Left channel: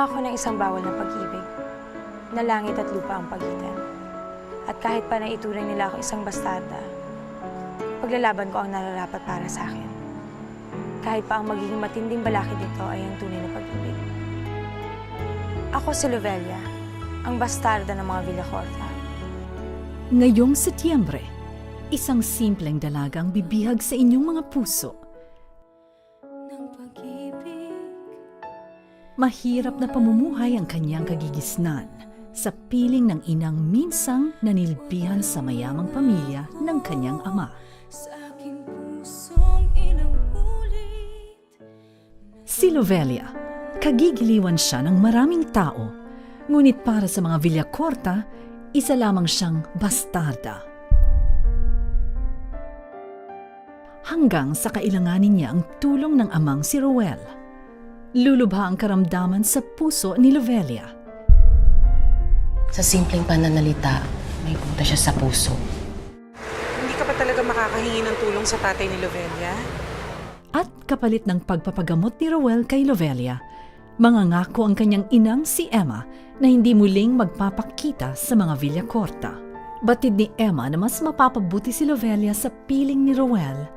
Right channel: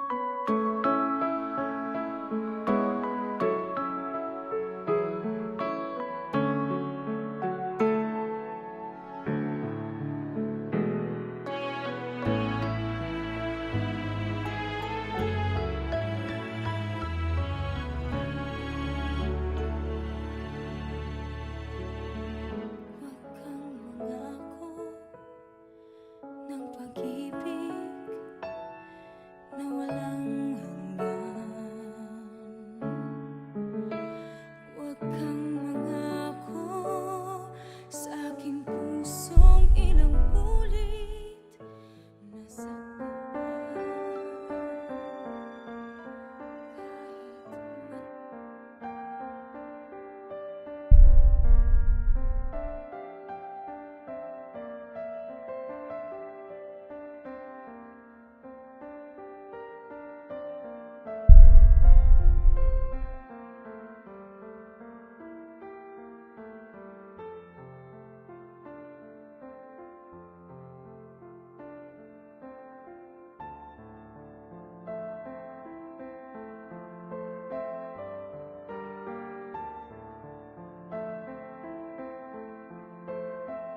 Nangako ng isang bawal na pag-ibig, na langit at lupa ang pagitan. At kahit pa naituring nila ako isang bastarda, paglalaban ko ang nararapat para sa akin. Kahit pa ang magiging matinding balakid dito ay ang tunay na pag-ibig. Ako si Lovelia, ang bastarda ng mga Villacorta. Ngayong Setyembre, isang simpleng dalagang bibihag sa inyong mga puso. Ng pag-ibig, Mahirap na pamumuhay ang kanyang kagigisnan sa piling ng inang minsang nanilbihan sa mayamang pamilya ng kanyang ama. sa aking pusong ilang ulit. Si Lovelia, kagigiliwan siya ng maraming tao, ngunit para sa mga Villacorta, isa lamang siyang bastarda. Hanggang sa kailanganin niya ang tulong ng amang si Rowell. Lulubha ang karamdaman sa puso ni Lovelia. Sa simpleng pananalita, may punta siya sa puso. Hindi ka pa talaga makakahingi ng tulong sa tatay ni Lovelia? At kapalit ng pagpapagamot ni Rowell kay Lovelia, mangangako ang kanyang inang si Emma na hindi muling magpapakita sa mga Villacorta. Batid ni Emma na mas mapapabuti si Lovelia sa piling ni Rowell,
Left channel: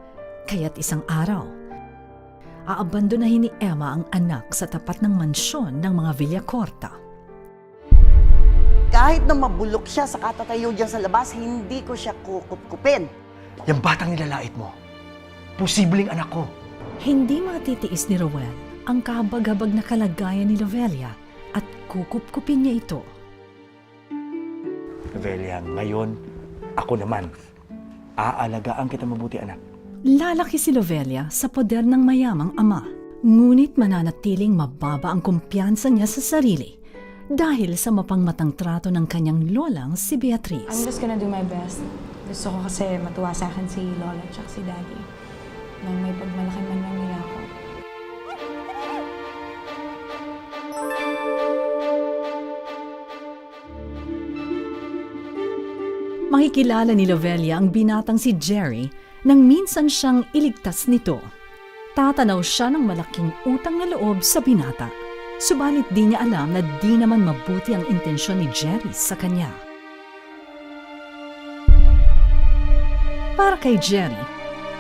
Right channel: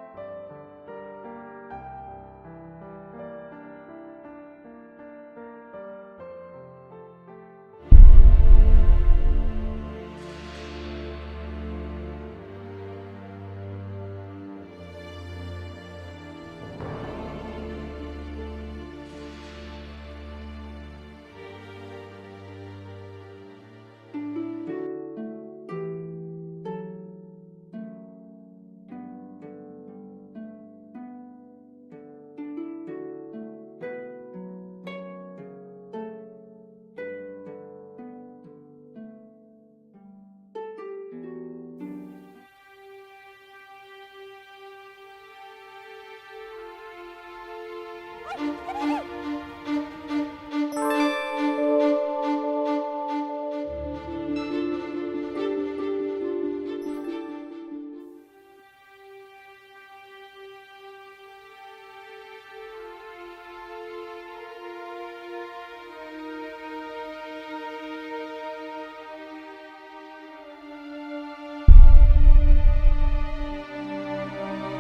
kaya't isang araw, aabandonahin ni Emma ang anak sa tapat ng mansyon ng mga Villacorta. Kahit na mabulok siya sa katatayo dyan sa labas, hindi ko siya kukup-kupin. Yung batang nilalait mo, posibleng anak ko. Hindi matitiis ni Rowell ang kahabag-habag na kalagayan ni Lovelia at kukup-kupin niya ito. Lovelia, ngayon, ako naman, aalagaan kita mabuti, anak. Lalaki si Lovelia sa poder ng mayamang ama, ngunit mananatiling mababa ang kumpiyansa niya sa sarili dahil sa mapangmatang trato ng kanyang lolang si I'm Beatriz. just gonna do my best. Gusto ko kasi matuwa sa akin si Lola at si Daddy. Nang may pagmalaki man lang nila ako. Makikilala ni Lovelia ang binatang si Jerry nang minsan siyang iligtas nito. Tatanaw siya ng malaking utang na loob sa binata. Subalit di niya alam na di naman mabuti ang intensyon ni Jerry sa kanya. Para kay Jerry,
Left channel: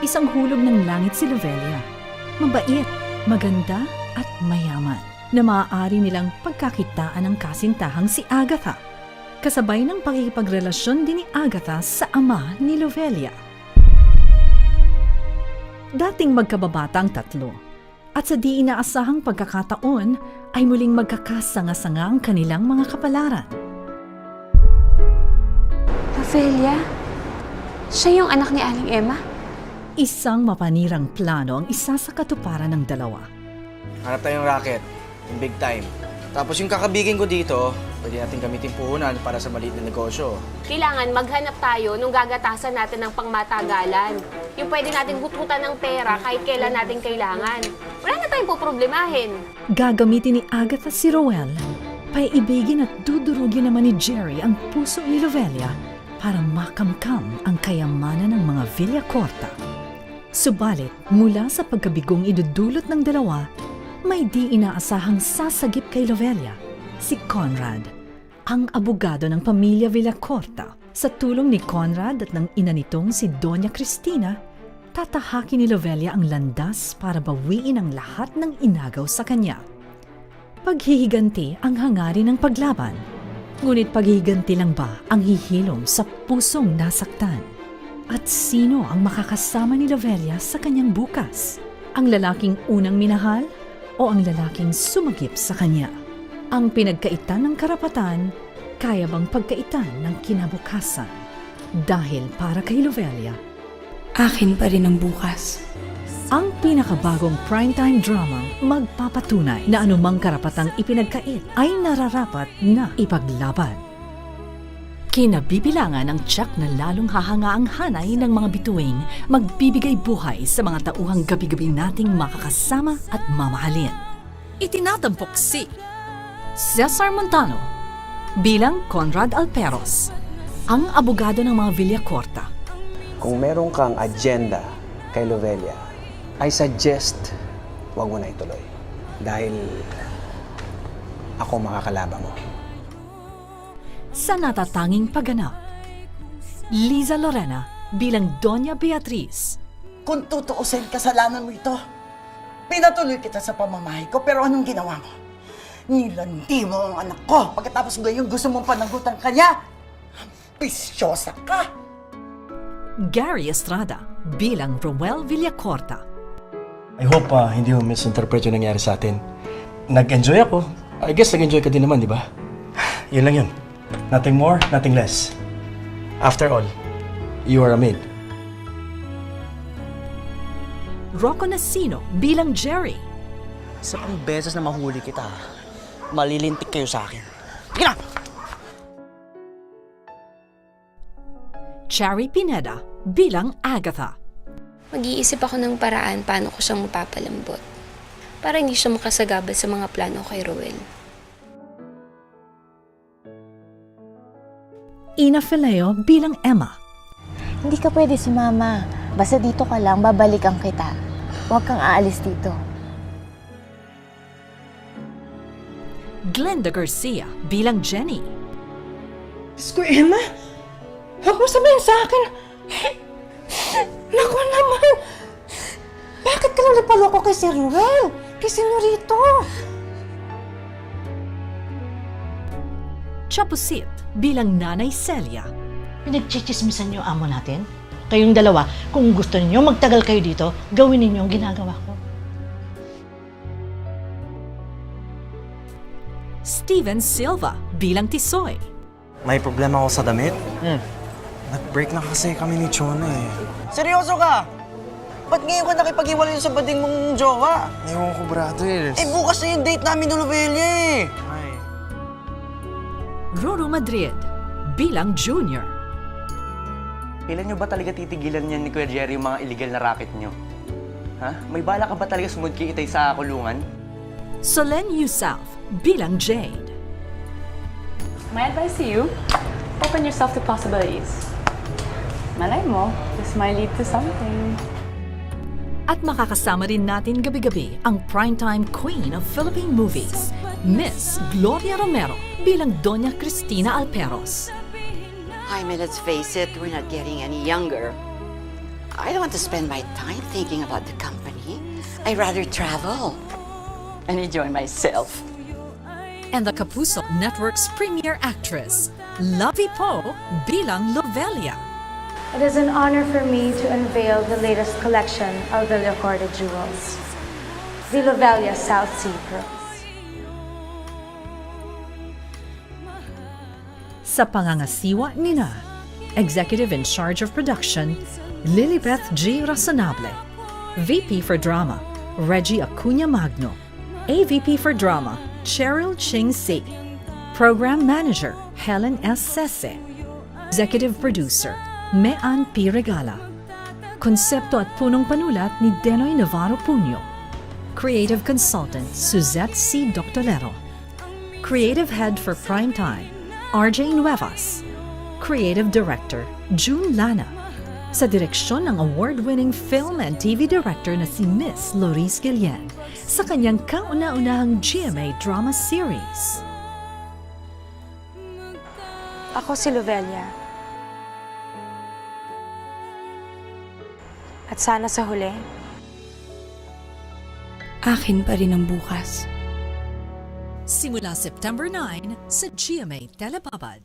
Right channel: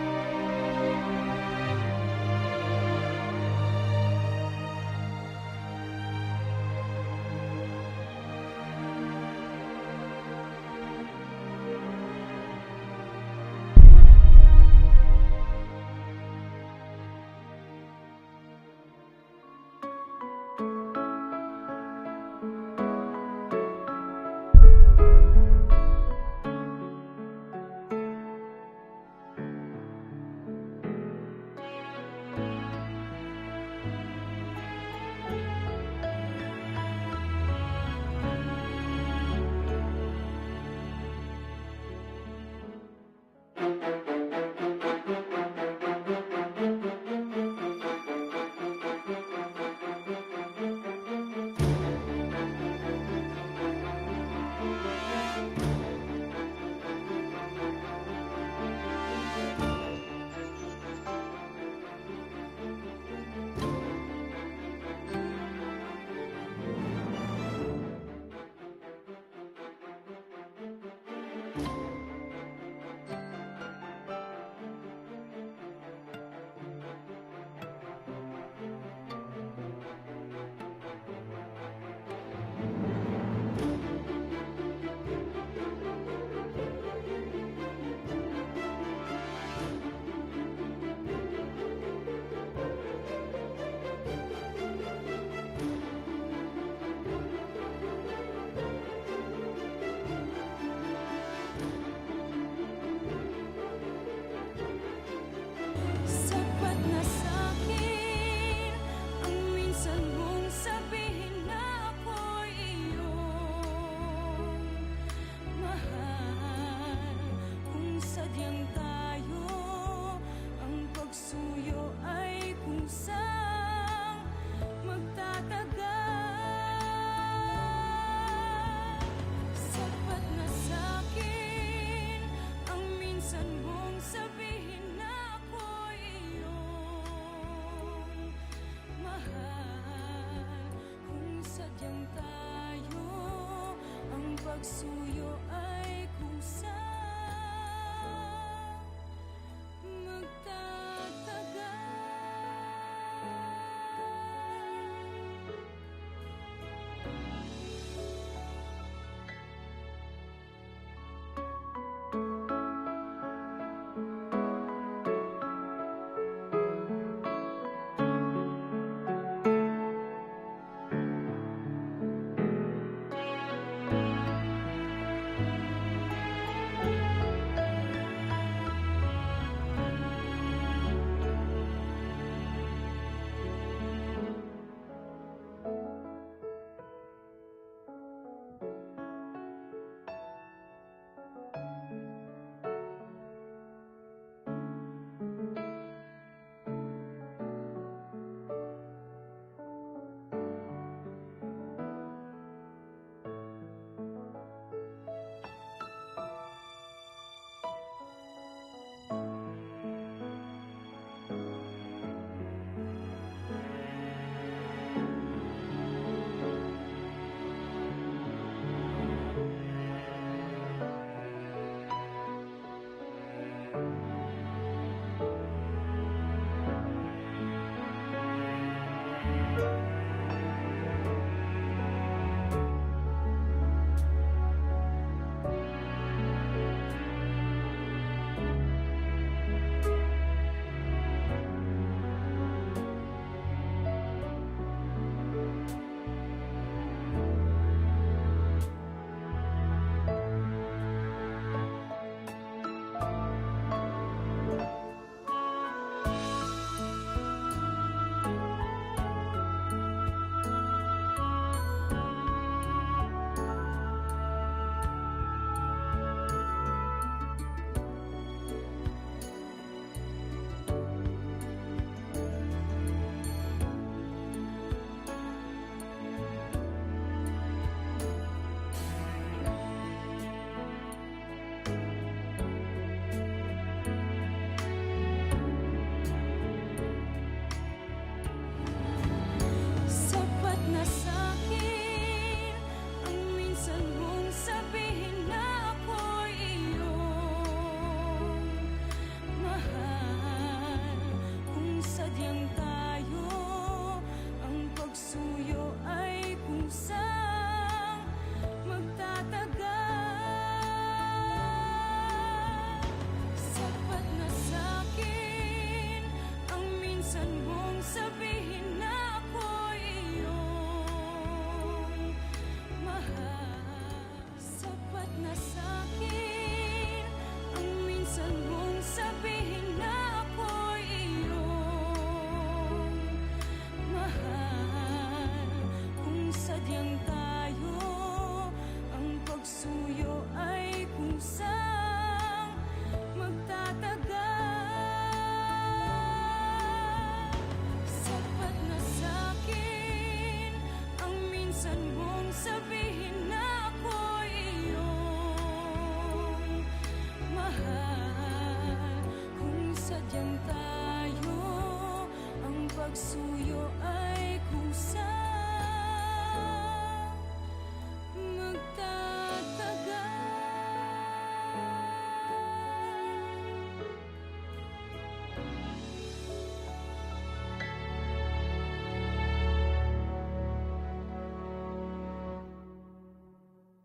isang hulog ng langit si Lovelia. Mabait, maganda at mayaman na maaari nilang pagkakitaan ng kasintahang si Agatha. Kasabay ng pakikipagrelasyon din ni Agatha sa ama ni Lovelia. Dating magkababata ang tatlo, at sa di inaasahang pagkakataon ay muling magkakasanga-sanga ang kanilang mga kapalaran. Lovelia? Siya yung anak ni Aling Emma? Isang mapanirang plano ang isa sa katuparan ng dalawa. Hanap tayong racket, yung big time. Tapos yung kakabigin ko dito, pwede natin gamitin puhunan para sa maliit na negosyo. Kailangan maghanap tayo nung gagatasan natin ng pangmatagalan. Yung pwede natin huthutan ng pera kahit kailan natin kailangan. Wala na tayong poproblemahin. Gagamitin ni Agatha si Rowell, paiibigin at dudurugin naman ni Jerry ang puso ni Lovelia para makamkam ang kayamanan ng mga Villacorta. Subalit, mula sa pagkabigong idudulot ng dalawa, may di inaasahang sasagip kay Lovelia, si Conrad, ang abogado ng pamilya Villacorta. Sa tulong ni Conrad at ng ina nitong si Doña Cristina, tatahakin ni Lovelia ang landas para bawiin ang lahat ng inagaw sa kanya. Paghihiganti ang hangarin ng paglaban, ngunit paghihiganti lang ba ang hihilom sa pusong nasaktan? At sino ang makakasama ni Lovelia sa kanyang bukas? Ang lalaking unang minahal o ang lalaking sumagip sa kanya? Ang pinagkaitan ng karapatan, kaya bang pagkaitan ng kinabukasan? Dahil para kay Lovelia, Akin pa rin ang bukas. ang pinakabagong primetime drama magpapatunay na anumang karapatang ipinagkait ay nararapat na ipaglaban. Kinabibilangan ang tiyak na lalong hahangaang hanay ng mga bituing magbibigay buhay sa mga tauhang gabi-gabi nating makakasama at mamahalin. Itinatampok si Cesar Montano bilang Conrad Alperos, ang abogado ng mga Villacorta. Kung meron kang agenda kay Lovelia, I suggest huwag mo na ituloy. Dahil ako makakalaban mo. Sa natatanging pagganap, Liza Lorena bilang Doña Beatriz, Kung tutuusin, kasalanan mo ito. Pinatuloy kita sa pamamahay ko, pero anong ginawa mo? Nilandi mo ang anak ko. Pagkatapos ngayon, gusto mong panagutan ka niya. Pisyosa ka. Gary Estrada bilang Roel Villacorta, I hope hindi mo misinterpret yung nangyari sa atin. Nag-enjoy ako. I guess nag-enjoy ka din naman, di ba? Yun lang yun. Nothing more, nothing less. After all, you are a maid. Rocco Nasino bilang Jerry, Isa pang beses na mahuli kita, malilintik kayo sa akin. Sige na! Cherry Pineda bilang Agatha, Mag-iisip ako ng paraan paano ko siyang mapapalambot para hindi siya makasagabal sa mga plano kay Roel. Ina Fileo bilang Emma, Hindi ka pwede sumama. Basta dito ka lang, babalikan kita. Huwag kang aalis dito. Glenda Garcia bilang Jenny, Diyos ko, Emma. Huwag mo sabihin sa akin. Naku naman. Bakit ka lang napaloko kay Sir Ruel? Kay Senorito? Chapusit bilang Nanay Celia, Pinagchichismisan niyo ang amo natin? Kayong dalawa, kung gusto niyo magtagal kayo dito, gawin ninyo ang ginagawa ko. Steven Silva bilang Tisoy, May problema ako sa damit? Nag-break na kasi kami ni Chona eh. Seryoso ka? Ba't ngayon ka nakipag-iwalay sa bading mong jowa? Ewan ko, brother. Eh, bukas na yung date namin ng Novelia eh. Roro Madrid bilang Junior, Kailan nyo ba talaga titigilan niyan ni Kuya Jerry yung mga illegal na racket nyo? Ha? May bala ka ba talaga sumudki itay sa kulungan? Solen Yusuf bilang Jade, My advice to you, open yourself to possibilities. Malay mo, this might lead to something. at makakasama rin natin gabi-gabi ang primetime queen of Philippine movies, Miss Gloria Romero bilang Doña Cristina Alperos. I mean, let's face it, we're not getting any younger. I don't want to spend my time thinking about the company. I'd rather travel and enjoy myself. And the Kapusok Network's premier actress, Lovey Poe bilang Lovelia. It is an honor for me to unveil the latest collection of Villacorta jewels, the Lovelia South Sea Pearls. Sa pangangasiwa nina, Executive in Charge of Production, Lilibeth G. Razonable, VP for Drama, Reggie Acuña Magno, AVP for Drama, Cheryl Ching Si, Program Manager, Helen S. Sese, Executive Producer, Mean P. Regala, Konsepto at punong panulat ni Denoy Navarro Puño, Creative Consultant, Suzette C. Doctolero, Creative Head for Primetime, RJ Nuevas, Creative Director, June Lana, sa direksyon ng award-winning film and TV director na si Miss Loris Guillen sa kanyang kauna-unahang GMA drama series. Ako si Lovelia. At sana sa huli, Akin pa rin ang bukas. Simula September 9 sa GMA Telebabad.